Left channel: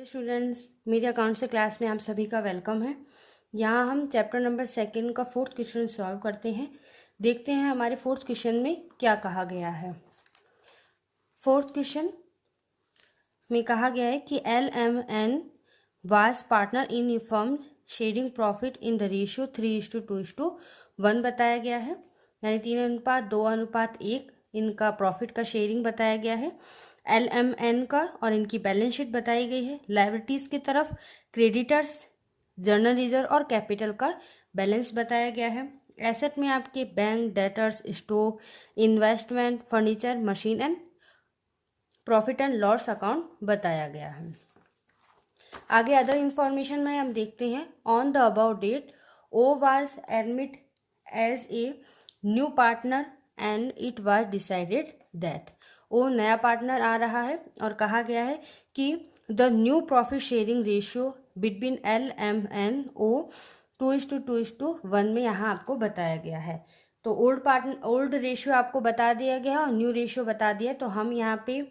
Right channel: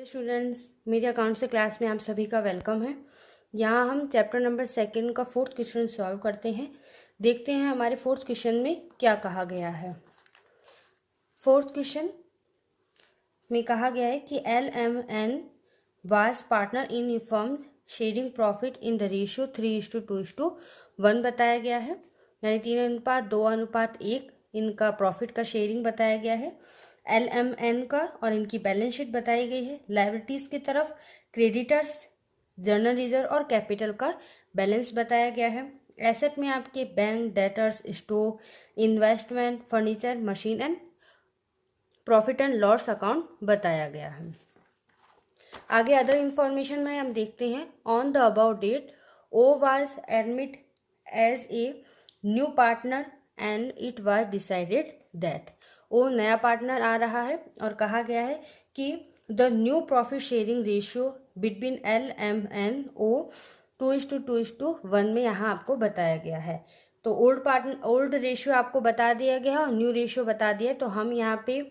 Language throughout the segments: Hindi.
हेलो स्टूडेंट्स, मेरे अकाउंट से क्लास में आप सभी का वेलकम है। यहाँ हम चैप्टर नंबर 2 का 4th क्वेश्चन सॉल्व करते हैं। देखते हैं हमारे 4th क्वेश्चन में क्या कहा गया है। 4th क्वेश्चन में कहा गया है कि LMN was partner in firm sharing profit in the ratio 3:2:1 बताया गया है, यानी 3:2:1 इनका प्रॉफिट का शेयरिंग बताया गया है। LMN का और इनकी बैलेंस शीट बताई गई है। लायबिलिटीज की तरफ क्रेडिटर्स, जर्नल रिजर्व और कैपिटल का बैलेंस बताया गया है। एसेट में आपके bank, debtors, stock, investment, furniture, machine and profit and loss account बताया गया है। आगे अदर इंफॉर्मेशन में हम देखते हैं। On the about date O was admitted as a new partner and it was decided that O नया पार्टनर आ रहा है और कहा गया है कि the new profit sharing ratio between LMN ओ 2:2:1 में यहाँ आपको बताया गया है। तो ओल्ड रेशियो आपको बता दिया गया है और न्यू रेशियो बता दिया, तो हम यहाँ पे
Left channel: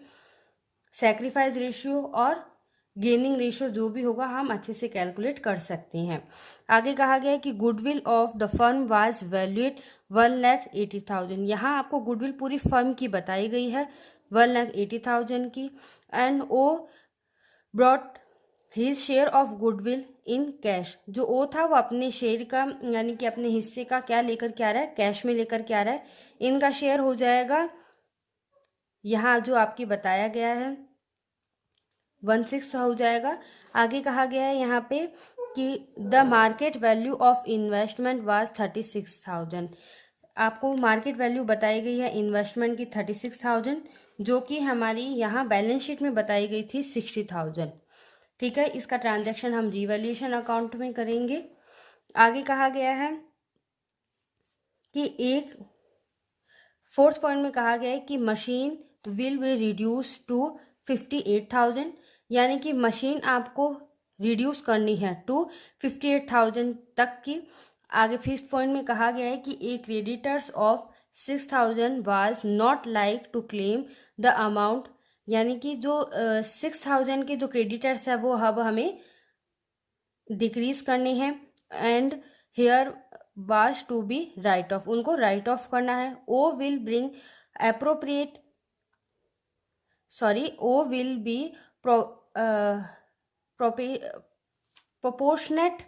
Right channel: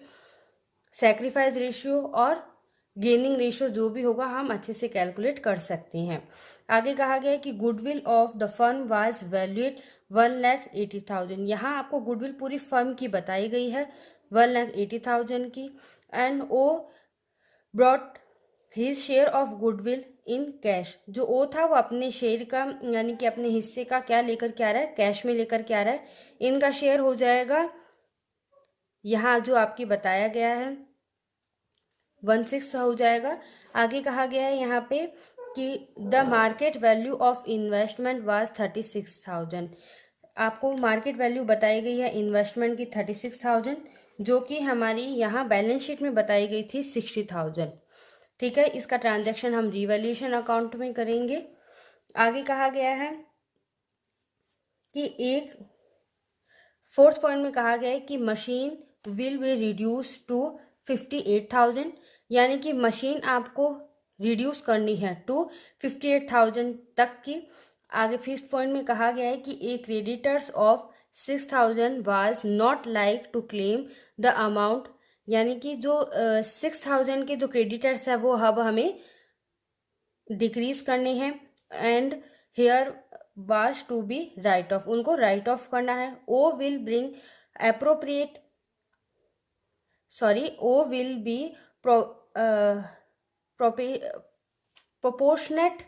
सैक्रिफाइस रेशियो और गेनिंग रेशियो जो भी होगा हम अच्छे से कैलकुलेट कर सकते हैं। आगे कहा गया है कि goodwill of the firm was valuate 1,80,000। यहाँ आपको गुडविल पूरी फर्म की बताई गई है 1,80,000 की। एंड ओ brought his share of goodwill in cash. जो ओ था वो अपने शेयर का यानी कि अपने हिस्से का क्या लेकर के आ रहा है, कैश में लेकर के आ रहा है। इनका शेयर हो जाएगा यहाँ जो आपकी बताया गया है 1/6 हो जाएगा। आगे कहा गया है यहाँ पे कि the market value of investment was 36,000। आपको मार्केट वैल्यू बताई गई है इन्वेस्टमेंट की 36,000, जो कि हमारी यहाँ बैलेंस शीट में बताई गई थी 60,000। ठीक है, इसका ट्रांजैक्शन हम रिवैल्यूएशन अकाउंट में करेंगे। आगे कहा गया है कि एक 4th पॉइंट में कहा गया है कि machine will be reduce to 58,000, यानी कि मशीन आपको रिड्यूस करनी है टू 58,000 तक की। आगे 5th पॉइंट में कहा गया है कि a creditors of 6,000 was not like to claim the amount, यानी कि जो 6,000 के जो क्रेडिटर्स है वो अब हमें डिक्रीज करने हैं। And here was to be write off, उनको राइट ऑफ करना है। ओ विल ब्रिंग एप्रोप्रिएट ओ विल बी प्रोपोर्शनेट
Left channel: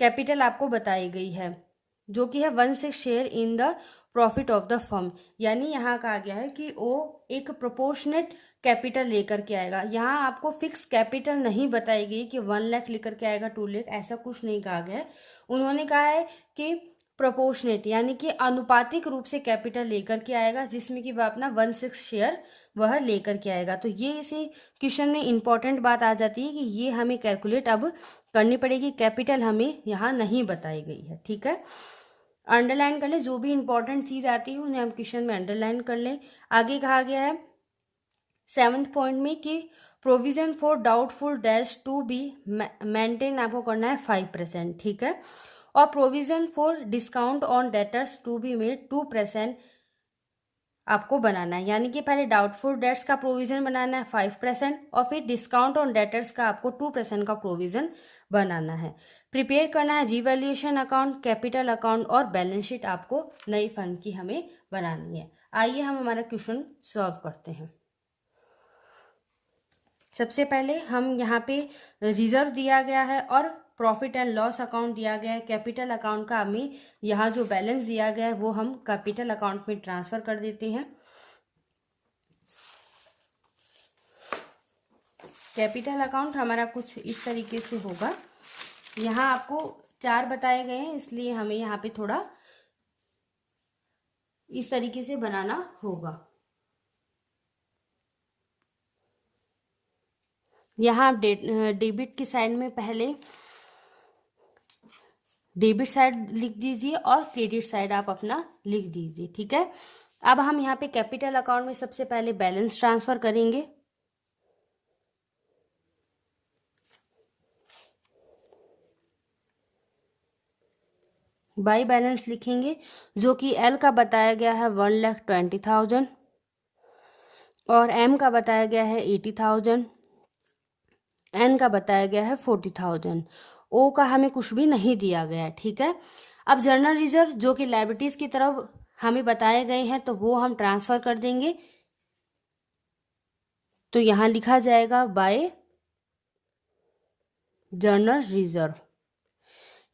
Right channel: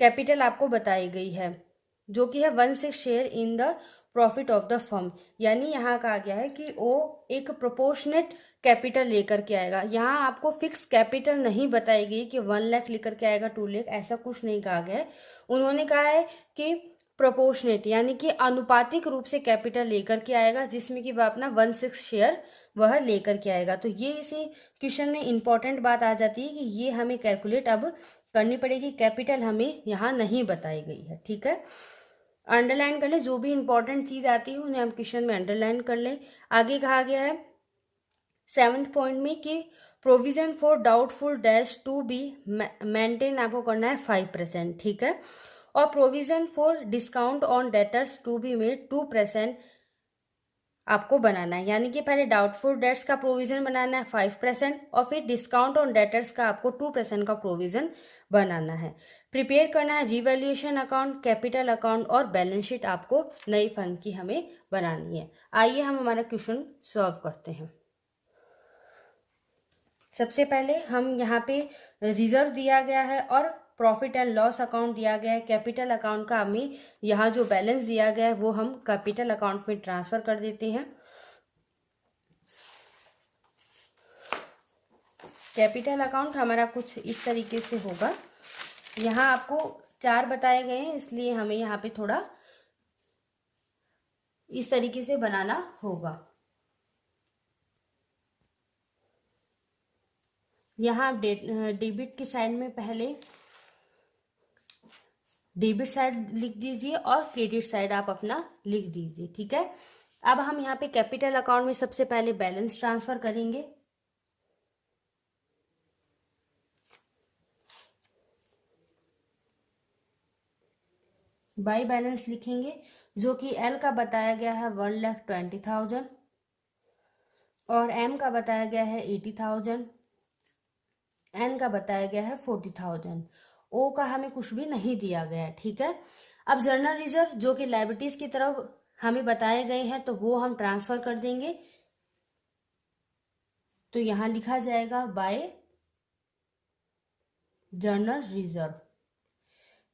कैपिटल आपको बताई गई है, जो कि है 1/6 share in the profit of the firm. यानी यहाँ कहा गया है कि वो एक प्रोपोर्शनेट कैपिटल लेकर के आएगा। यहाँ आपको फिक्स कैपिटल नहीं बताई गई कि 1 लाख लेकर के आएगा, 2 लाख, ऐसा कुछ नहीं कहा गया है। उन्होंने कहा है कि प्रोपोर्शनेट यानी कि अनुपातिक रूप से कैपिटल लेकर के आएगा, जिसमें कि वह अपना 1/6 शेयर वह लेकर के आएगा। तो ये इसी क्वेश्चन में इंपॉर्टेंट बात आ जाती है कि ये हमें कैलकुलेट अब करनी पड़ेगी। कैपिटल हमें यहाँ नहीं बताई गई है। ठीक है, अंडरलाइन कर ले, जो भी इंपॉर्टेंट चीज आती है उन्हें हम क्वेश्चन में अंडरलाइन कर लें। आगे कहा गया है 7th पॉइंट में कि provision for doubtful dash to be maintain आपको करना है 5%। ठीक है, और provision for discount on debtors to be made 2% आपको बनाना है। यानी कि पहले डाउटफुल डेट्स का प्रोविजन बनाना है 5% और फिर डिस्काउंट ऑन डेटर्स का आपको 2% का प्रोविजन बनाना है। प्रिपेयर करना है रिवैल्यूएशन अकाउंट, कैपिटल अकाउंट और बैलेंस शीट आपको नई फर्म की हमें बनानी है। आइए हम हमारा क्वेश्चन सॉल्व करते हैं। सबसे पहले हम यहाँ पे रिजर्व दिया गया है और प्रॉफिट एंड लॉस अकाउंट दिया गया है। कैपिटल अकाउंट का हमें यहाँ जो बैलेंस दिया गया है वो हम कैपिटल अकाउंट में ट्रांसफर कर देते हैं। कैपिटल अकाउंट हमारा कुछ इस तरीके से होगा। यहाँ आपको 4 बताए गए हैं, इसलिए हमें यहाँ पे थोड़ा इस तरीके से बनाना होगा। यहाँ आप डेबिट की साइड में पहले डेबिट साइड लिख दीजिए और क्रेडिट साइड आप अपना लिख दीजिए। ठीक है, अब हम यहाँ पे कैपिटल अकाउंट में सबसे पहले बैलेंस ट्रांसफर करेंगे। बाई बैलेंस लिखेंगे, जो कि एल का बताया गया है 1,20,000 और एम का बताया गया है 80,000। एन का बताया गया है 40,000, ओ का हमें कुछ भी नहीं दिया गया है, ठीक है। अब जनरल रिजर्व जो कि लायबिलिटीज की तरफ हमें बताए गए हैं तो वो हम ट्रांसफर कर देंगे। तो यहाँ लिखा जाएगा बाय जनरल रिजर्व।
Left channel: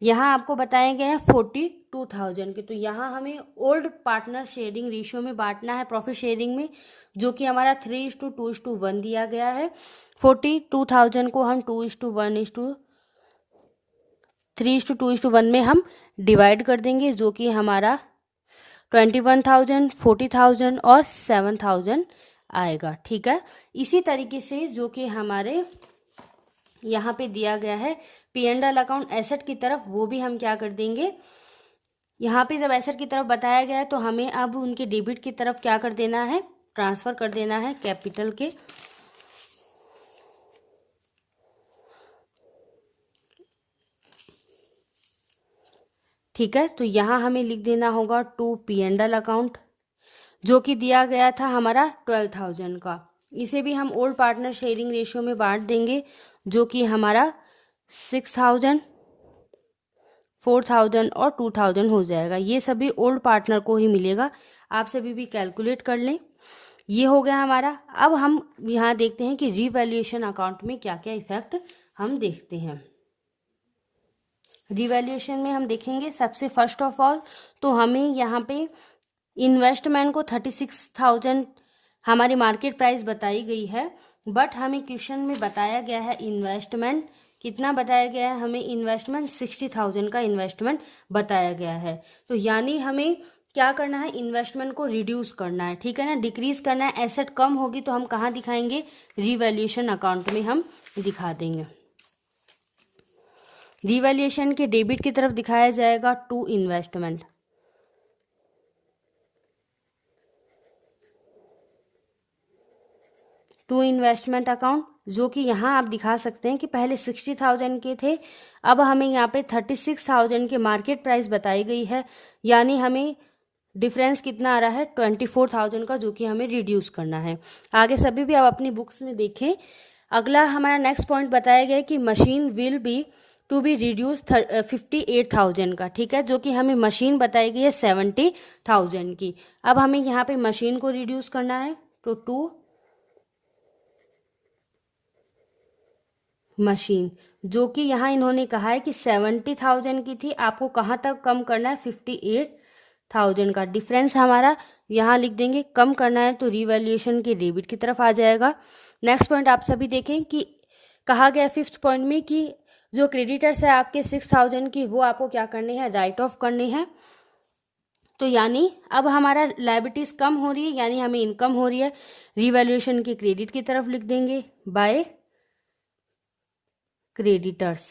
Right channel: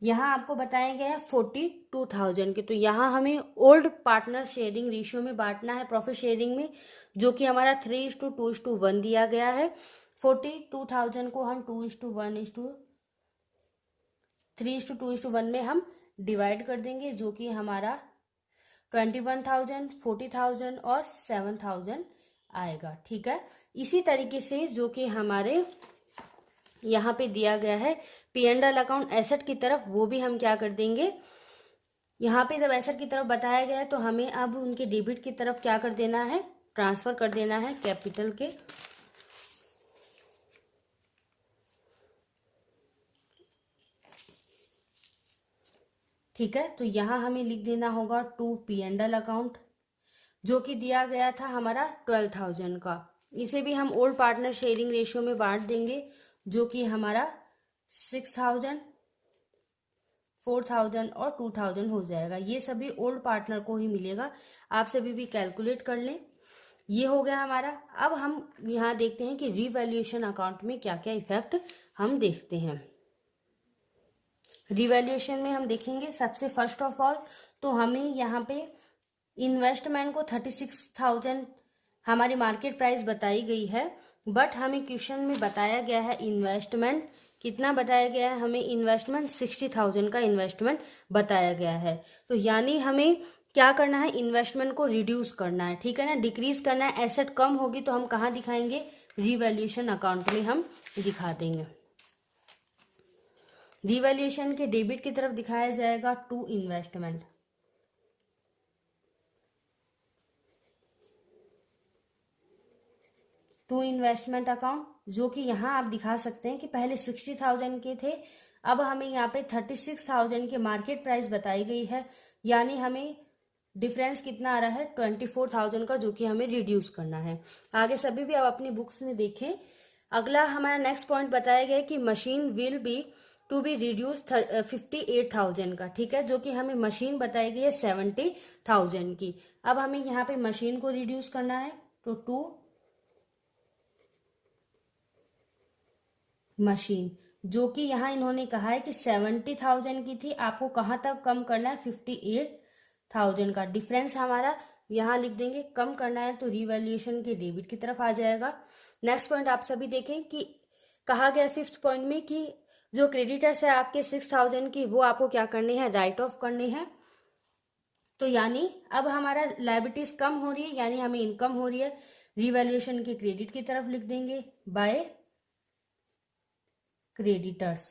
यहाँ आपको बताया गया है 42,000 के, तो यहाँ हमें ओल्ड पार्टनर शेयरिंग रेशियो में बांटना है प्रॉफिट शेयरिंग में, जो कि हमारा 3:2:1 दिया गया है। 42,000 को हम 3:2:1 में हम डिवाइड कर देंगे, जो कि हमारा 21,000, 40,000 और 7,000 आएगा, ठीक है। इसी तरीके से जो कि हमारे यहाँ पे दिया गया है P&L अकाउंट एसेट की तरफ, वो भी हम क्या कर देंगे, यहाँ पे जब एसेट की तरफ बताया गया है तो हमें अब उनके डेबिट की तरफ क्या कर देना है, ट्रांसफर कर देना है कैपिटल के। ठीक है, तो यहाँ हमें लिख देना होगा टू P&L अकाउंट, जो कि दिया गया था हमारा 12,000 का। इसे भी हम ओल्ड पार्टनर शेयरिंग रेशियो में बांट देंगे, जो कि हमारा 6,000, 4,000 और 2,000 हो जाएगा। ये सभी ओल्ड पार्टनर को ही मिलेगा, आप सभी भी कैलकुलेट कर लें। ये हो गया हमारा। अब हम यहाँ देखते हैं कि रीवैल्यूएशन अकाउंट में क्या क्या इफेक्ट हम देखते हैं। रीवैल्यूएशन में हम देखेंगे सबसे फर्स्ट ऑफ ऑल तो हमें यहाँ पे इन्वेस्टमेंट को 36,000 हमारी मार्केट प्राइस बताई गई है, बट हमें क्वेश्चन में बताया गया है इन्वेस्टमेंट कितना बताया गया है, हमें इन्वेस्टमेंट 60,000 का इन्वेस्टमेंट बताया गया है। तो यानी हमें क्या करना है, इन्वेस्टमेंट को रिड्यूस करना है, ठीक है ना, डिक्रीज करना है। एसेट कम होगी तो हम कहाँ दिखाएंगे, रीवैल्यूएशन अकाउंट में हम दिखा देंगे। रीवैल्यूएशन के डेबिट की तरफ दिखाया जाएगा to investment, to investment account, जो कि यहाँ आप दिखा सकते हैं कि पहले 60,000 के थे, अब हमें यहाँ पे 36,000 के मार्केट प्राइस बताई गई है, यानी हमें डिफरेंस कितना आ रहा है 24,000 का, जो कि हमें रिड्यूस करना है। आगे सभी भी आप अपनी बुक्स में देखें। अगला हमारा नेक्स्ट पॉइंट बताया गया है कि machine will be to be reduce 58,000 का, ठीक है, जो कि हमें मशीन बताई गई है 70,000 की। अब हमें यहाँ पे मशीन को रिड्यूस करना है, तो टू मशीन, जो कि यहाँ इन्होंने कहा है कि 70,000 की थी, आपको कहाँ तक कम करना है, 58,000 का। डिफरेंस हमारा यहाँ लिख देंगे, कम करना है तो रीवैल्यूएशन के डेबिट की तरफ आ जाएगा। नेक्स्ट पॉइंट आप सभी देखें कि कहा गया फिफ्थ पॉइंट में कि जो क्रेडिटर्स है आपके 6,000 की, वो आपको क्या करने हैं, राइट ऑफ करने हैं। तो यानी अब हमारा लायबिलिटीज कम हो रही है, यानी हमें इनकम हो रही है, रीवैल्यूएशन के क्रेडिट की तरफ लिख देंगे बाय क्रेडिटर्स,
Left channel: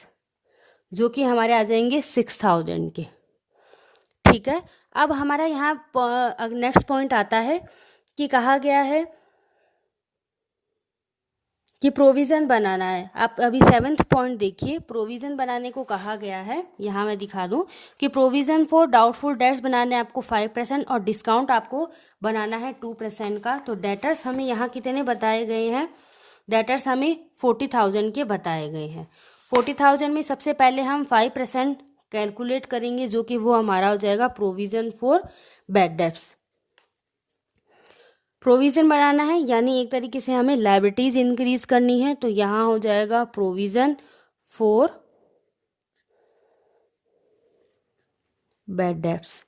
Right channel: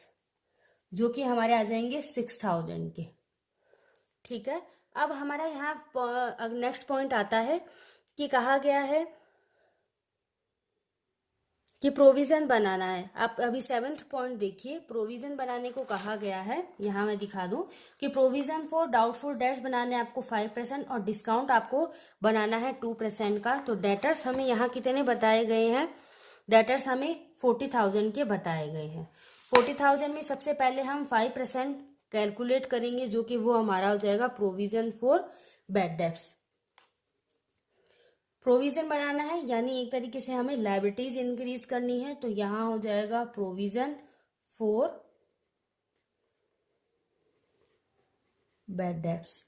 जो कि हमारे आ जाएंगे 6,000 के, ठीक है। अब हमारा यहाँ नेक्स्ट पॉइंट आता है कि कहा गया है कि प्रोविज़न बनाना है। आप अभी 7th पॉइंट देखिए, प्रोविज़न बनाने को कहा गया है। यहाँ मैं दिखा दूँ कि प्रोविज़न फॉर डाउटफुल डेट्स बनाने आपको 5% और डिस्काउंट आपको बनाना है 2% का। तो डेटर्स हमें यहाँ कितने बताए गए हैं, डेटर्स हमें 40,000 के बताए गए हैं। 40,000 में सबसे पहले हम 5% कैलकुलेट करेंगे, जो कि वो हमारा हो जाएगा provision for bad debts. Provision बनाना है यानी एक तरीके से हमें लायबिलिटीज इंक्रीज करनी है, तो यहाँ हो जाएगा प्रोविज़न फॉर बैड डेट्स।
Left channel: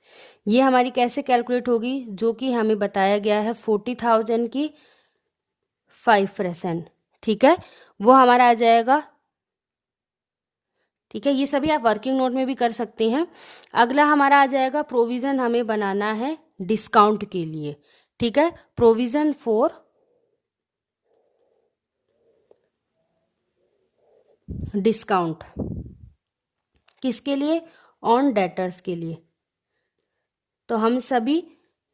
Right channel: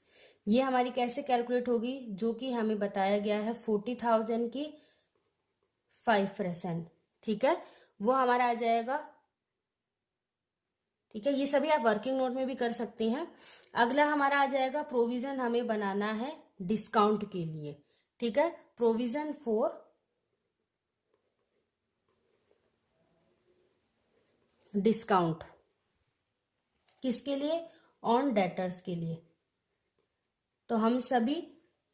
ये हमारी कैसे कैलकुलेट होगी, जो कि हमें बताया गया है 40,000 की 5%, ठीक है, वो हमारा आ जाएगा, ठीक है। ये सभी आप वर्किंग नोट में भी कर सकते हैं। अगला हमारा आ जाएगा प्रोविज़न हमें बनाना है डिस्काउंट के लिए, ठीक है, प्रोविज़न फॉर डिस्काउंट, किसके लिए, ऑन डेटर्स के लिए। तो हम सभी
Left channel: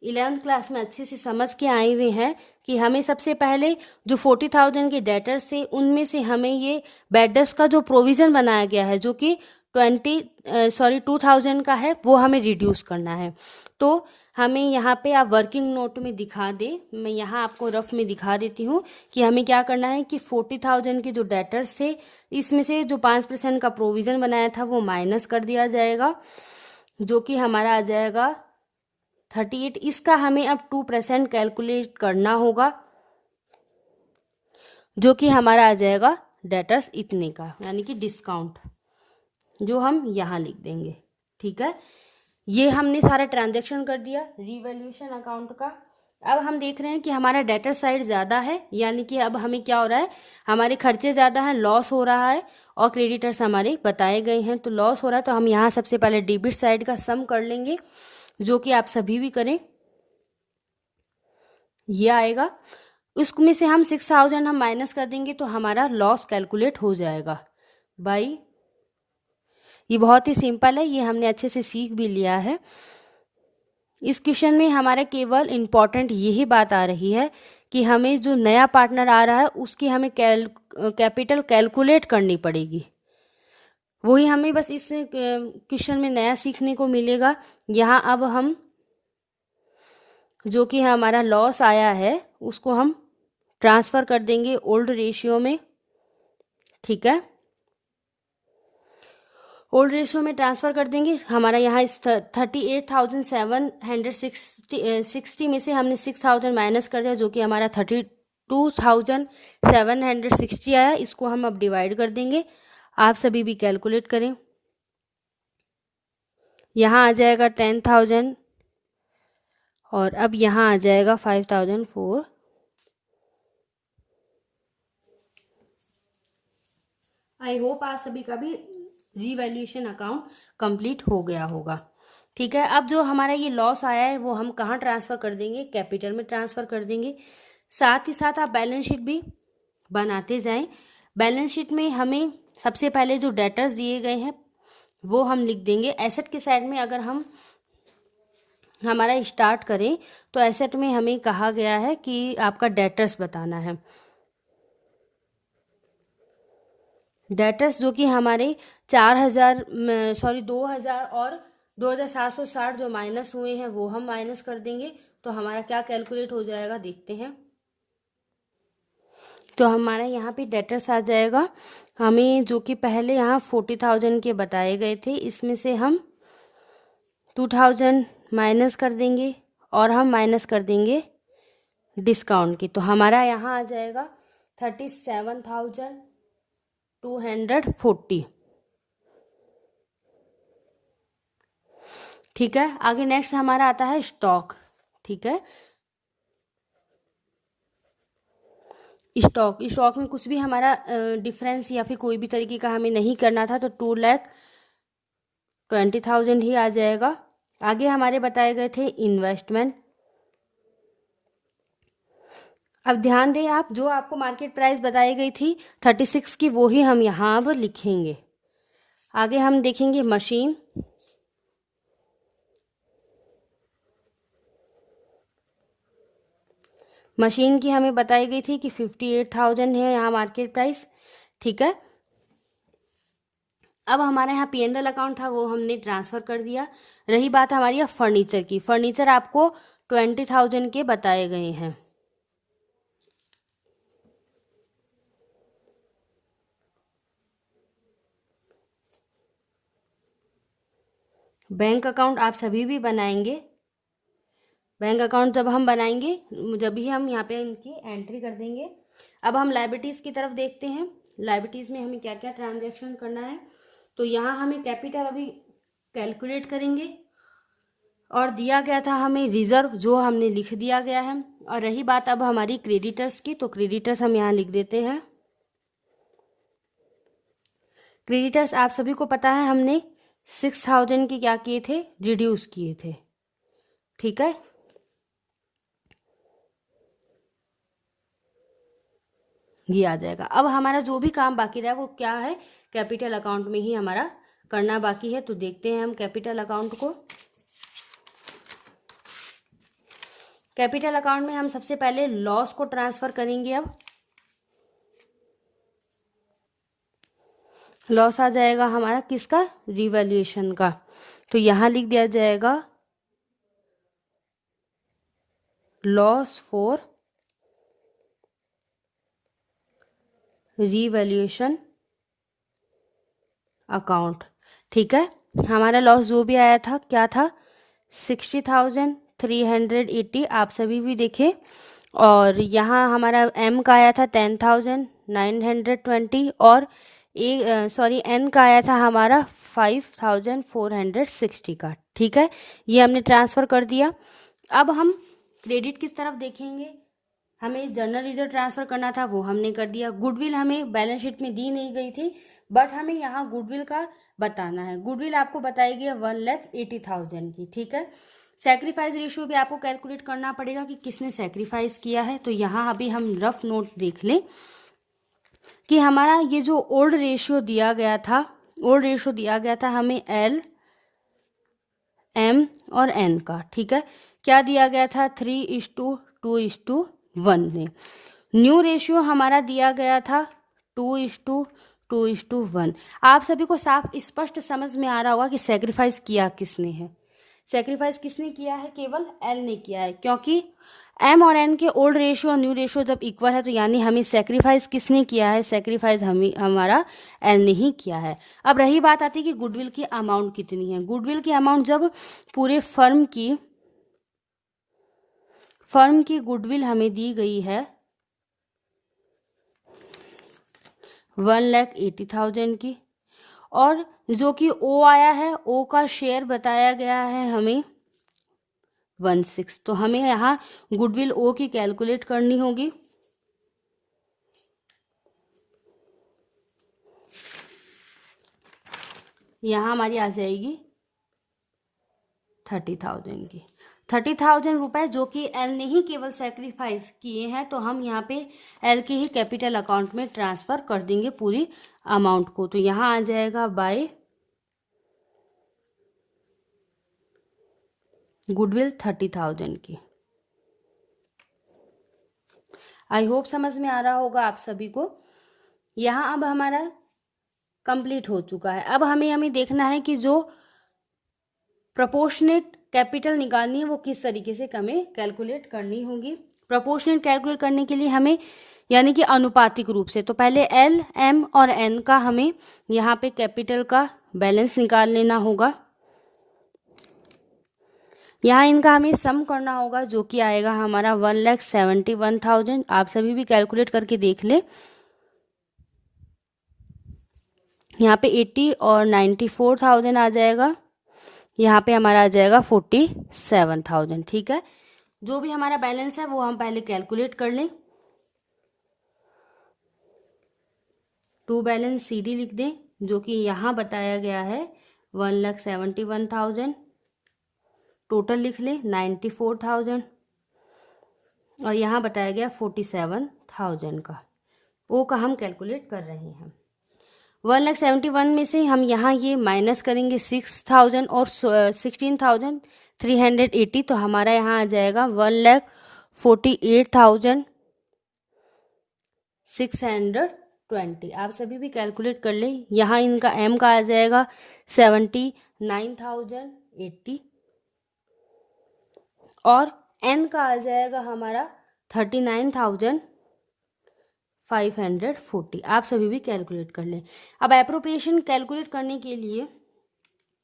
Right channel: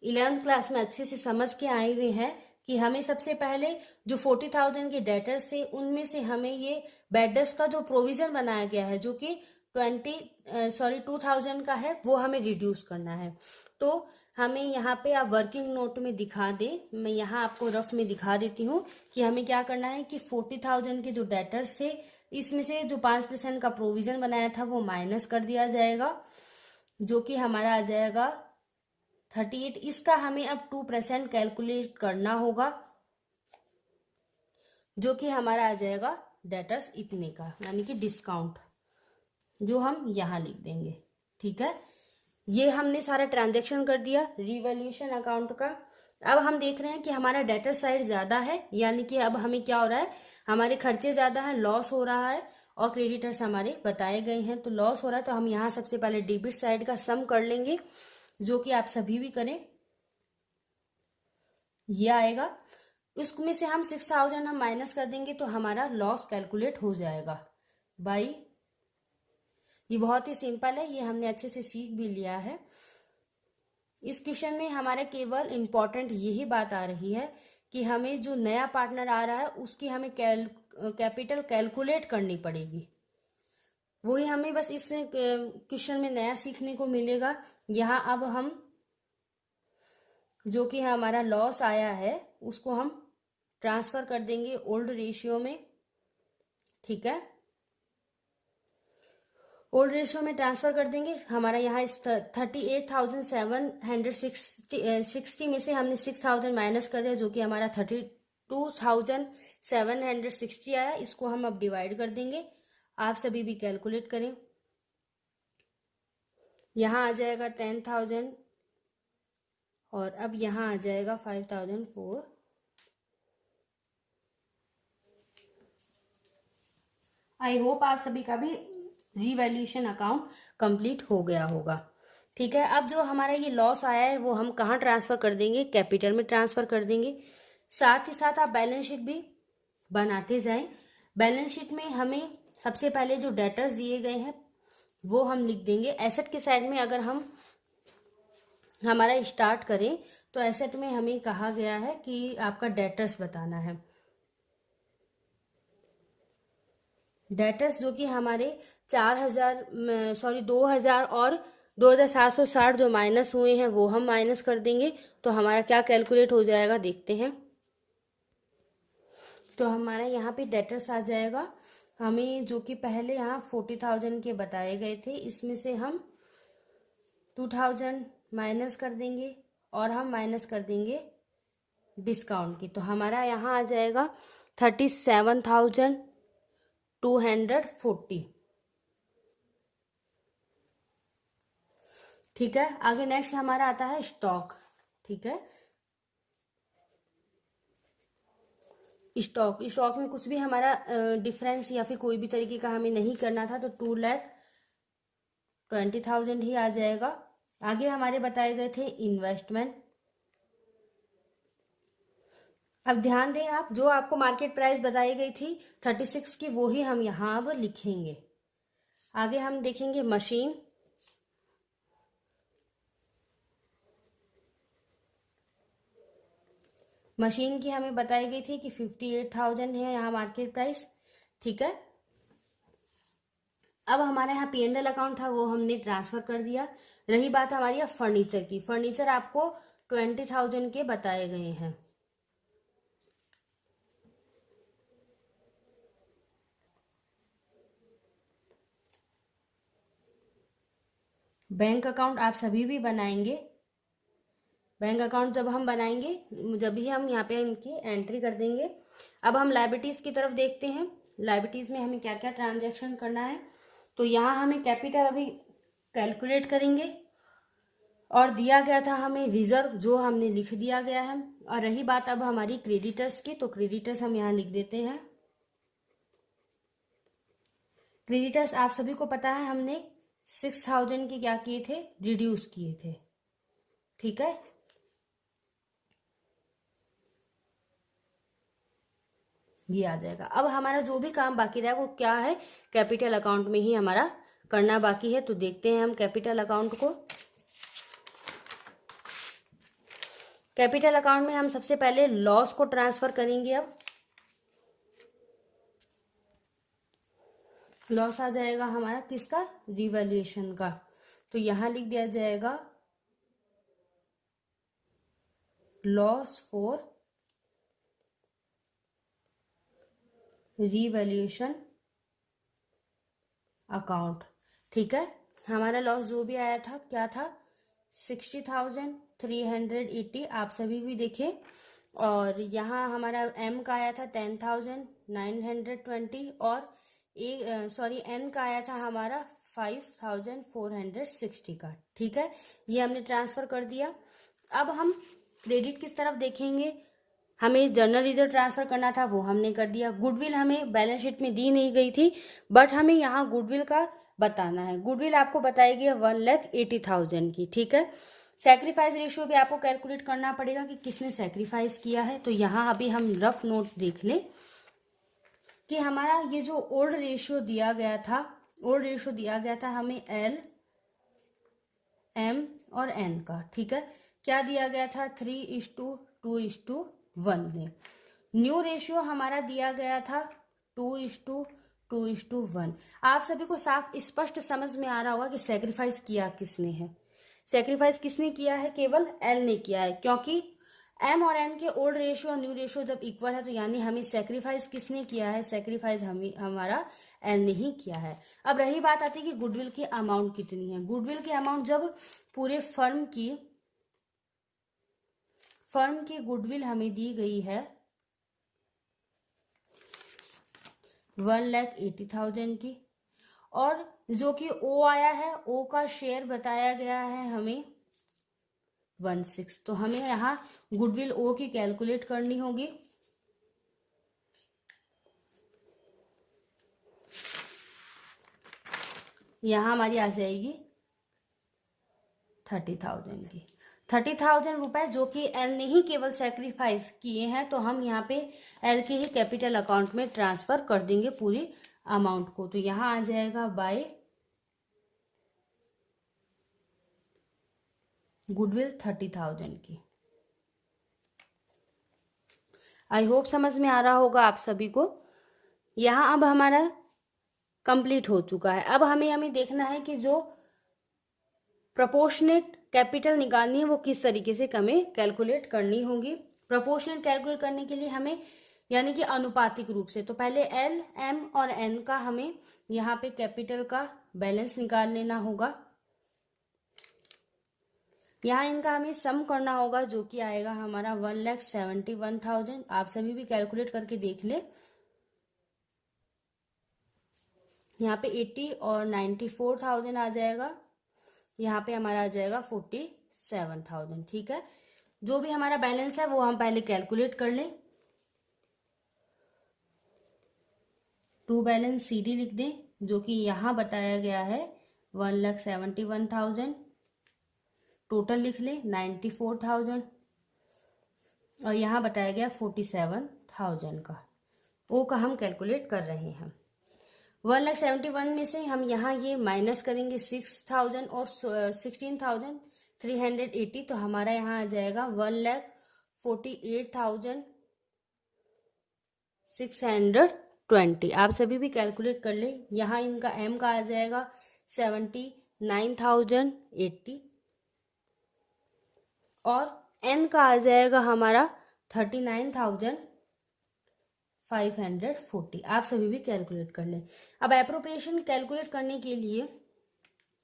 11th क्लास में अच्छे से समझ के आए हुए हैं कि हमें सबसे पहले जो 40,000 के डेटर्स थे, उनमें से हमें ये बैड डेट्स का जो प्रोविज़न बनाया गया है, जो कि 2,000 का है, वो हमें रिड्यूस करना है। तो हमें यहाँ पे आप वर्किंग नोट में दिखा दे, मैं यहाँ आपको रफ में दिखा देती हूँ कि हमें क्या करना है कि 40,000 के जो डेटर्स थे, इसमें से जो 5% का प्रोविज़न बनाया था वो माइनस कर दिया जाएगा, जो कि हमारा आ जाएगा 38। इसका हमें अब 2% कैलकुलेट करना होगा, जो कि हमारा आ जाएगा डेटर्स इतने का, यानी कि डिस्काउंट, जो हम यहाँ लिख देंगे। ठीक है, ये हमने सारा ट्रांजैक्शन कर दिया रिवैल्यूएशन अकाउंट का। अब हम देख रहे हैं कि हमारा डेटर साइड ज़्यादा है, यानी कि अब हमें क्या हो रहा है, हमारे खर्चे ज़्यादा हैं, लॉस हो रहा है, और क्रेडिटर्स हमारे बताए गए हैं तो लॉस हो रहा है। तो हम यहाँ सबसे पहले डेबिट साइड का सम कर लेंगे, जो कि आप सभी भी करें। ये आएगा, उसमें से हम 6,000 हम माइनस कर देंगे तो हमारा लॉस कैलकुलेट हो जाएगा बाई। ये बहुत ही सिंपल है, ये हमने अच्छे से सीख भी लिया है। इस क्वेश्चन में हमारा केवल इम्पॉर्टेंट यही बात आ रही है कि हमें जो नया पार्टनर आ रहा है उसकी हमें कैपिटल कैलकुलेट करनी पड़ेगी। वही हमें बस इस क्वेश्चन में नया सीखने को मिलेगा। यहाँ अब हम जो कि हमारा लॉस आया है उसको हम ट्रांसफ़र कर देंगे ओल्ड रेशियो में। ठीक है, ओल्ड रेशियो में ट्रांसफ़र कर देंगे। हमारा यहाँ इस 38,760 में से हमने 6,000 माइनस कर दिया, जो कि हमारा 32,760 आया। इसको हम अब डिवाइड कर देंगे, आप सभी भी कैलकुलेट करें। यहाँ आ जाएगा 10,000 और अब यहाँ आ जाएगा 5,004। आई होप आप सभी का भी रिवैल्यूएशन अकाउंट कंप्लीट हो गया होगा। ठीक है, अब जो हमारा ये लॉस आया है वो हम कहाँ ट्रांसफ़र कर देंगे, कैपिटल में ट्रांसफ़र कर देंगे। साथ ही साथ आप बैलेंस शीट भी बनाते जाएं। बैलेंस शीट में हमें सबसे पहले जो डेटर्स दिए गए हैं वो हम लिख देंगे। एसेट के साइड में अगर हम हमारा स्टार्ट करें तो एसेट में हमें कहा गया है कि आपका डेटर्स बताना है। डेटर्स जो कि हमारे 2,000 और 2,760 जो माइनस हुए हैं वो हम माइनस कर देंगे, तो हमारा क्या कैलकुलेट हो जाएगा देखते हैं। तो हमारा यहाँ पे डेटर्स आ जाएगा, हमें जो कि पहले यहाँ 40,000 के बताए गए थे, इसमें से हम 2,000 माइनस कर देंगे और हम माइनस कर देंगे डिस्काउंट की। तो हमारा यहाँ आ जाएगा 37,240। ठीक है, आगे नेक्स्ट हमारा आता है स्टॉक। ठीक है, स्टॉक में कुछ भी हमारा डिफरेंस या फिर कोई भी तरीके का हमें नहीं करना था, तो 2,20,000 ही आ जाएगा। आगे हमारे बताए गए थे इन्वेस्टमेंट। अब ध्यान दें आप, जो आपको मार्केट प्राइस बताई गई थी 36 की, वो ही हम यहाँ अब लिखेंगे। आगे हम देखेंगे मशीन। मशीन की हमें बताई गई थी कि 58,000 है यहाँ मार्केट प्राइस। ठीक है, अब हमारे यहाँ P&L अकाउंट था वो हमने ट्रांसफ़र कर दिया। रही बात हमारी फर्नीचर की, फर्नीचर आपको 20,000 के बताए गए हैं। बैंक अकाउंट आप सभी भी बनाएंगे। बैंक अकाउंट जब हम बनाएंगे जब भी हम यहाँ पे उनकी एंट्री कर देंगे। अब हम लायबिलिटीज़ की तरफ देखते हैं, लायबिलिटीज़ में हमें क्या क्या ट्रांजैक्शन करना है। तो यहाँ हमें कैपिटल अभी कैलकुलेट करेंगे, और दिया गया था हमें रिजर्व, जो हमने लिख दिया गया है। और रही बात अब हमारी क्रेडिटर्स की, तो क्रेडिटर्स हम यहाँ लिख देते हैं। क्रेडिटर्स आप सभी को पता है हमने 6,000 के क्या किए थे, रिड्यूस किए थे। ठीक है, ये आ जाएगा। अब हमारा जो भी काम बाकी रहा वो क्या है, कैपिटल अकाउंट में ही हमारा करना बाकी है। तो देखते हैं हम कैपिटल अकाउंट को। कैपिटल अकाउंट में हम सबसे पहले लॉस को ट्रांसफ़र करेंगे। अब लॉस आ जाएगा हमारा किसका, रिवैल्यूएशन का। तो यहाँ लिख दिया जाएगा लॉस फॉर रीवैल्यूएशन अकाउंट। ठीक है, हमारा लॉस जो भी आया था क्या था, 60,380, आप सभी भी देखें। और यहाँ हमारा एम का आया था 10,920 और एन का आया था हमारा 5,460 का। ठीक है, ये हमने ट्रांसफ़र कर दिया। अब हम क्रेडिट किस तरफ देखेंगे, हमें जर्नल रिजर्व ट्रांसफ़र करना था, वो हमने कर दिया। गुडविल हमें बैलेंस शीट में दी नहीं गई थी, बट हमें यहाँ गुडविल का बताना है। गुडविल आपको बताई गई है 1,80,000 की। ठीक है, सेक्रीफाइस रेशियो भी आपको कैलकुलेट करना पड़ेगा कि किसने सेक्रीफाइस किया है। तो यहाँ अभी हम रफ नोट देख लें कि हमारा ये जो ओल्ड रेशियो दिया गया था, हमें एल, एम और एन का। ठीक है, क्या दिया गया था, 3:2:1 में। न्यू रेशियो हमारा दिया गया था 2:2:1। आप सभी को साफ स्पष्ट समझ में आ रहा होगा कि सेक्रीफाइस किया किसने है। सेक्रीफाइस किसने किया है, केवल एल ने किया है, क्योंकि एम और एन के ओल्ड रेशियो और न्यू रेशियो जब इक्वल है तो यानी हमें सेक्रीफाइस किसने किया है, सेक्रीफाइस हमारा एल ने ही किया है। अब रही बात आती है कि गुडविल की अमाउंट कितनी है। गुडविल की अमाउंट जब पूरे फर्म की गुडविल हमें दी गई है 1,80,000 की, और जो कि ओ आया है, ओ का शेयर बताया गया है हमें 1/6। तो हमें यहाँ गुडविल ओ की कैलकुलेट करनी होगी। यहाँ हमारी आ जाएगी 30,000 की। 30,000 रुपये जो कि एल ने ही केवल सेक्रीफाइस किए हैं, तो हम यहाँ पे एल के ही कैपिटल अकाउंट में ट्रांसफ़र कर देंगे पूरी अमाउंट को। तो यहाँ आ जाएगा बाय गुडविल 30,000 की। आई होप समझ में आ रहा होगा आप सभी को। यहाँ अब हमारा कंप्लीट हो चुका है। अब हमें देखना है कि जो प्रोपोर्शनेट कैपिटल निकालनी है वो किस तरीके से हमें कैलकुलेट करनी होगी। प्रोपोर्शनेट कैलकुलेट करने के लिए हमें यानी कि अनुपातिक रूप से, तो पहले एल, एम और एन का हमें यहाँ पे कैपिटल का बैलेंस निकाल लेना होगा। यहाँ इनका हमें सम करना होगा जो कि आएगा हमारा 1,71,000। आप सभी भी कैलकुलेट करके देख ले। यहाँ पे 80 और 94,000 आ जाएगा, यहाँ पे हमारा आ जाएगा 47,000। ठीक है, जो भी हमारा बैलेंस है वो हम पहले कैलकुलेट कर लें। टू बैलेंस CD लिख दें, जो कि यहाँ बताया गया है 1,71,000। टोटल लिख लें 94,000 और यहाँ बताया गया 47,000 का। ओ का हम कैलकुलेट कर रहे हैं। 1,71,000 में से हम यहाँ ये माइनस करेंगे 6,000 और 16,380, तो हमारा यहाँ आ जाएगा 1,48,620। आप सभी भी कैलकुलेट कर लें। यहाँ इनका एम का आ जाएगा 79,080 और एन का आ जाएगा हमारा 39,540। आप सभी भी कैलकुलेट कर लें। अब एप्रोप्रिएशन कैलकुलेट करने के लिए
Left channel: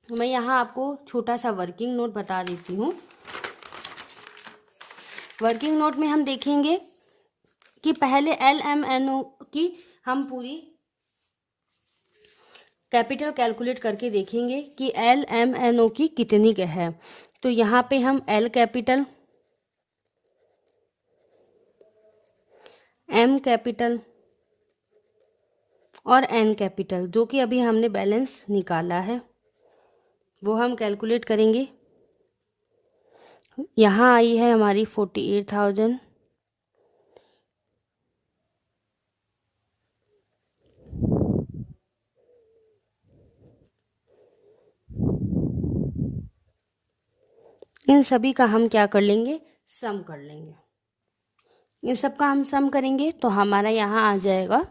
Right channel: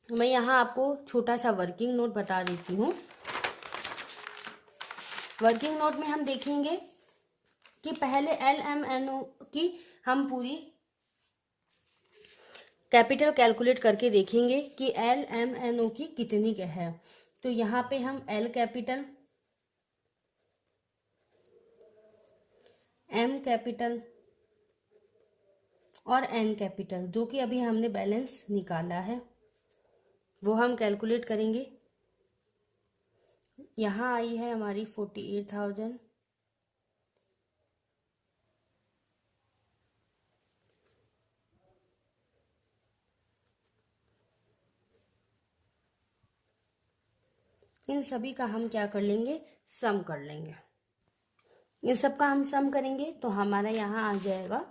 मैं यहाँ आपको छोटा सा वर्किंग नोट बता देती हूँ। वर्किंग नोट में हम देखेंगे कि पहले LMNO की हम पूरी कैपिटल कैलकुलेट करके देखेंगे कि LMNO की कितनी है। तो यहाँ पे हम L कैपिटल, M कैपिटल और N कैपिटल जो कि अभी हमने बैलेंस निकाला है वो हम कैलकुलेट करेंगे। यहाँ आई है हमारी 48,000। इन सभी का हम क्या कर लेंगे, सम कर लेंगे। इन सब का हम सम करेंगे तो हमारा यहाँ आ जाएगा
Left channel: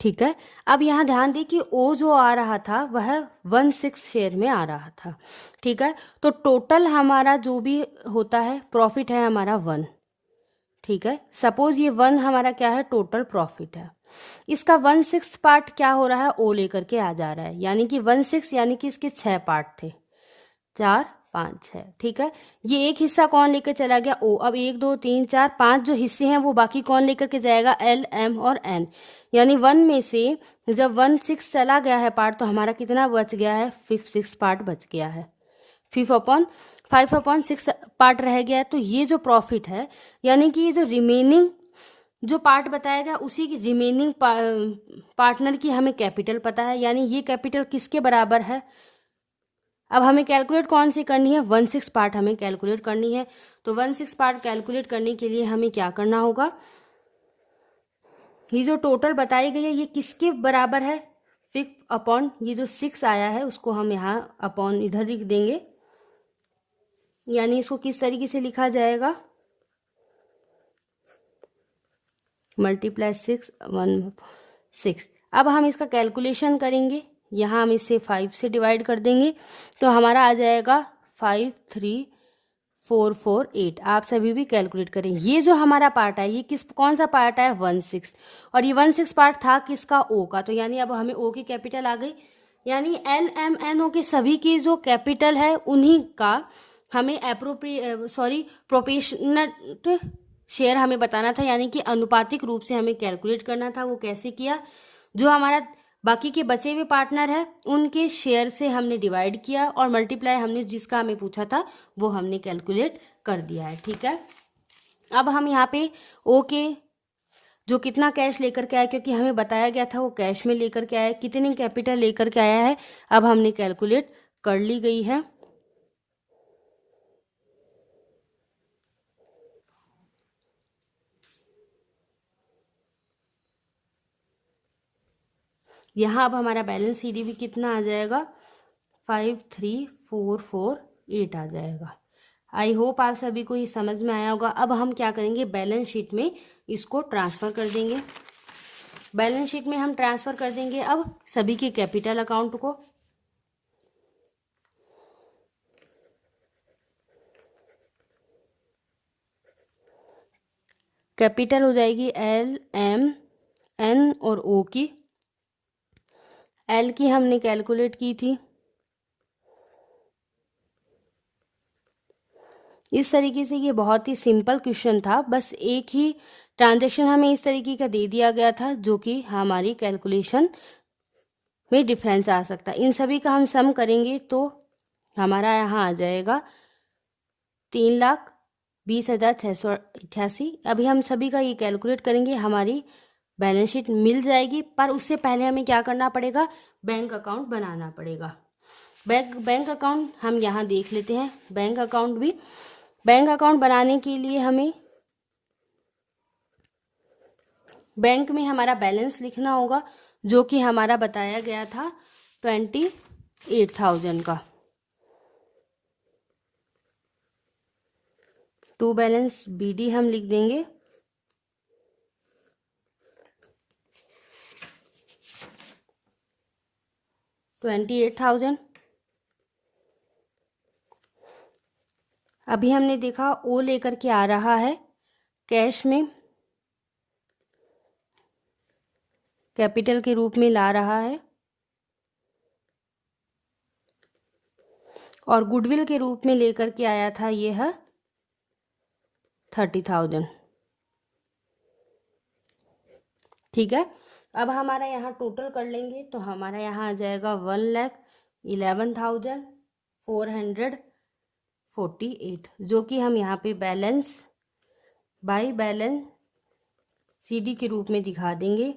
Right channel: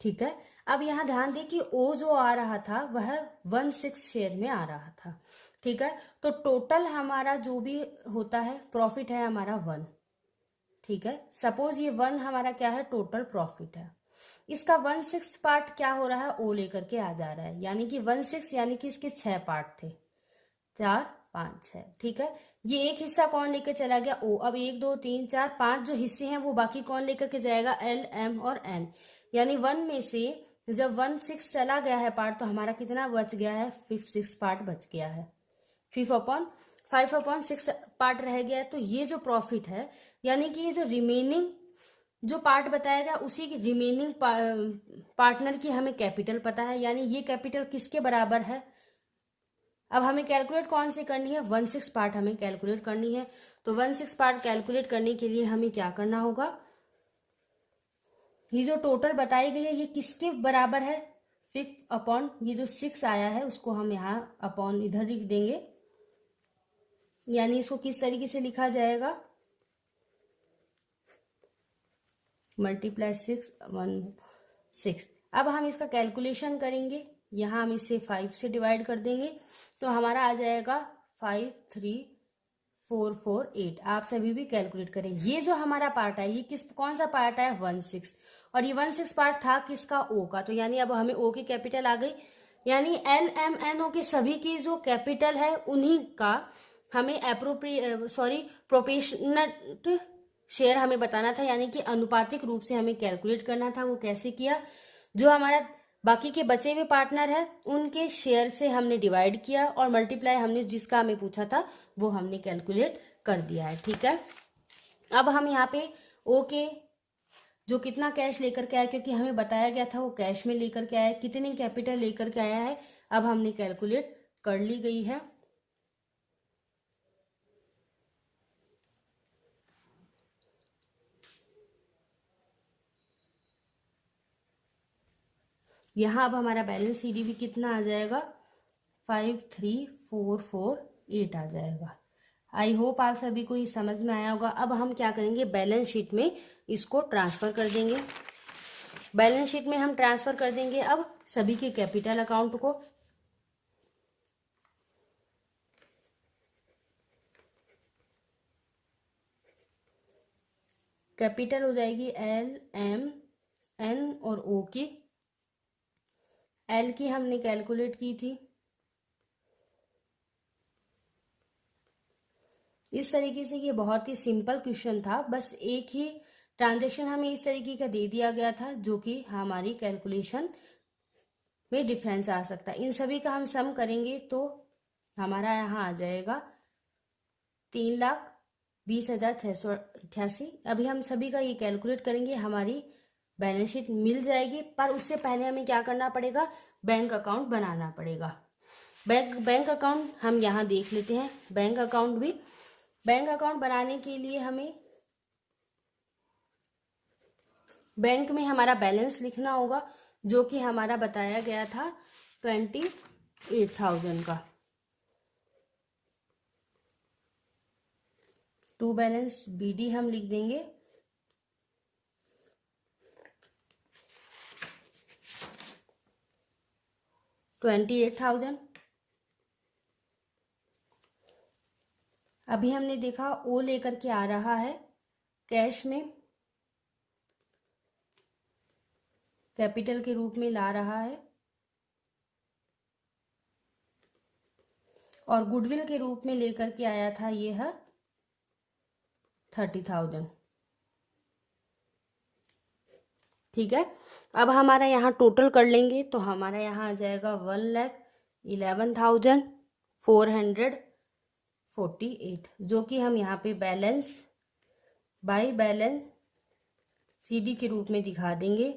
ठीक है। अब यहाँ ध्यान दें कि ओ जो आ रहा था वह 1/6 शेयर में आ रहा था। ठीक है, तो टोटल हमारा जो भी होता है प्रॉफिट है हमारा 1। ठीक है, सपोज ये 1 हमारा क्या है, टोटल प्रॉफिट है। इसका 1/6 पार्ट क्या हो रहा है, ओ लेकर के आ जा रहा है, यानी कि 1/6 यानी कि इसके 6 पार्ट थे, 4 5 6। ठीक है, ये एक हिस्सा कौन लेकर चला गया, ओ। अब 1 2 3 4 5 जो हिस्से हैं वो बाकी कौन लेकर के जाएगा, एल एम और एन। यानी 1 में से जब 1/6 चला गया है पार्ट, तो हमारा कितना बच गया है, 5/6 पार्ट बच गया है। 5/6 पार्ट रह गया है। तो ये जो प्रॉफिट है, यानी कि ये जो रिमेनिंग जो पार्ट बताया गया उसी की रिमेनिंग पार्टनर की हमें कैपिटल पता है, यानी ये कैपिटल किसके बराबर है। अब हमें कैलकुलेट कौन सी करनी है, 1/6 पार्ट हमें कैलकुलेट करनी है। तो 1/6 पार्ट कैलकुलेट करने के लिए हमें क्या करना होगा, ये जो टोटल बताई गई है ये किसके बराबर है, 5 अपॉन ये जो 6 आया है उसको हम यहाँ अपॉन इधर लिख देंगे, यानी इसको किस तरीके से लिखा जाएगा, मल्टीप्लाई 6 1/6। अब हम इसका कैलकुलेशन करेंगे, यहाँ हम इसे 5 से डिवाइड कर देंगे, तो हमारा आ जाएगा 53448। आप सभी भी कैलकुलेट करें। ये जो हमारा पार्ट है ये कौन सा पार्ट है, 1/6, और ये 1/6 पार्ट था किसका, ओ का। तो यानी अब हमें ओ की कैपिटल आ गई, यानी एल एम एन ओ के सभी की जो कैपिटल है उन्हीं का हमें प्रोपोर्शनल शेयर हमें बताना था, यानी कि अनुपातिक रूप से हमें कैलकुलेट करना था। वो कैसे किया, जो हमारा बाकी के बचे हुए पार्टनर है उनके शेयर से हमने डिवाइड किया और मल्टीप्लाई हमने जिसका हमें पूछा था वो हमने कैलकुलेट कर दिया है। ठीक है, अब हम यहाँ पे ओ के जो कितना कैश लेकर के आया, क्योंकि हमें बताया गया था वो कैश में लेकर के आया, कितनी कैपिटल लेकर के आया है अब हमने कैलकुलेट कर ली गई है। यहाँ अब हमारा बैलेंस सीडीबी कितना आ जाएगा, 53448 आ जाएगा। आई होप आप सभी को ये समझ में आया होगा। अब हम क्या करेंगे, बैलेंस शीट में इसको ट्रांसफ़र कर देंगे। बैलेंस शीट में हम ट्रांसफ़र कर देंगे अब सभी के कैपिटल अकाउंट को। कैपिटल हो जाएगी एल एम एन और ओ की। एल की हमने कैलकुलेट की थी, इस तरीके से। ये बहुत ही सिंपल क्वेश्चन था, बस एक ही ट्रांजैक्शन हमें इस तरीके का दे दिया गया था जो कि हमारी कैलकुलेशन में डिफरेंस आ सकता है। इन सभी का हम सम करेंगे तो हमारा यहाँ आ जाएगा 3,20,688। अभी हम सभी का ये कैलकुलेट करेंगे, हमारी बैलेंस शीट मिल जाएगी। पर उससे पहले हमें क्या करना पड़ेगा, बैंक अकाउंट बनाना पड़ेगा। बैंक अकाउंट हम यहाँ देख लेते हैं। बैंक अकाउंट बनाने के लिए हमें बैंक में हमारा बैलेंस लिखना होगा, जो कि हमारा बताया गया था 28,000 का। टू बैलेंस बीडी हम लिख देंगे, $28,000। अभी हमने देखा ओ लेकर के आ रहा है कैश में, कैपिटल के रूप में ला रहा है, और गुडविल के रूप में लेकर के आया था ये है 30,000। ठीक है, अब हमारा यहाँ टोटल कर लेंगे तो हमारा यहाँ आ जाएगा 1,11,448, जो कि हम यहाँ पे बैलेंस बाय बैलेंस सीडी के रूप में दिखा देंगे।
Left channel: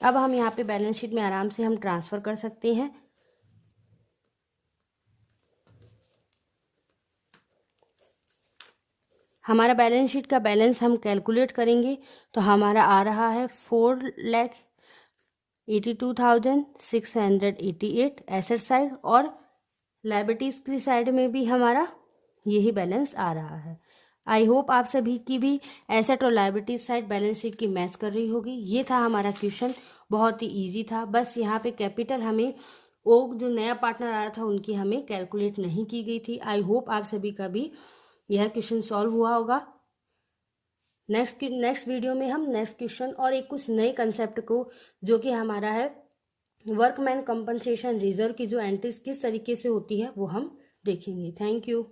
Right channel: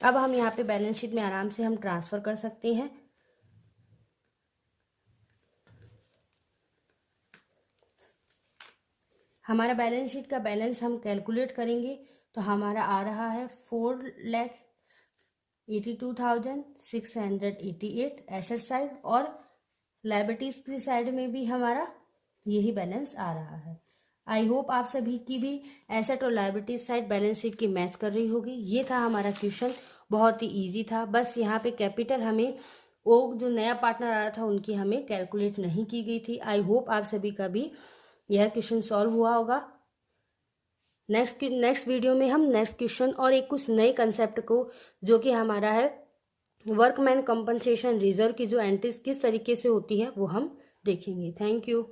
अब हम यहाँ पे बैलेंस शीट में आराम से हम ट्रांसफ़र कर सकते हैं। हमारा बैलेंस शीट का बैलेंस हम कैलकुलेट करेंगे तो हमारा आ रहा है 4,82,688 एसेट साइड, और लायबिलिटीज़ की साइड में भी हमारा यही बैलेंस आ रहा है। आई होप आप सभी की भी एसेट और लायबिलिटी साइड बैलेंस शीट की मैच कर रही होगी। ये था हमारा क्वेश्चन, बहुत ही इजी था। बस यहाँ पे कैपिटल हमें जो नया पार्टनर आ रहा था उनकी हमें कैलकुलेट नहीं की गई थी। आई होप आप सभी का भी यह क्वेश्चन सॉल्व हुआ होगा। नेक्स्ट वीडियो में हम नेक्स्ट क्वेश्चन और एक कुछ नए कंसेप्ट को, जो कि हमारा है वर्कमैन कंपनसेशन रिजर्व की जो एंट्रीज किस तरीके से होती है, वो हम देखेंगे। Thank you.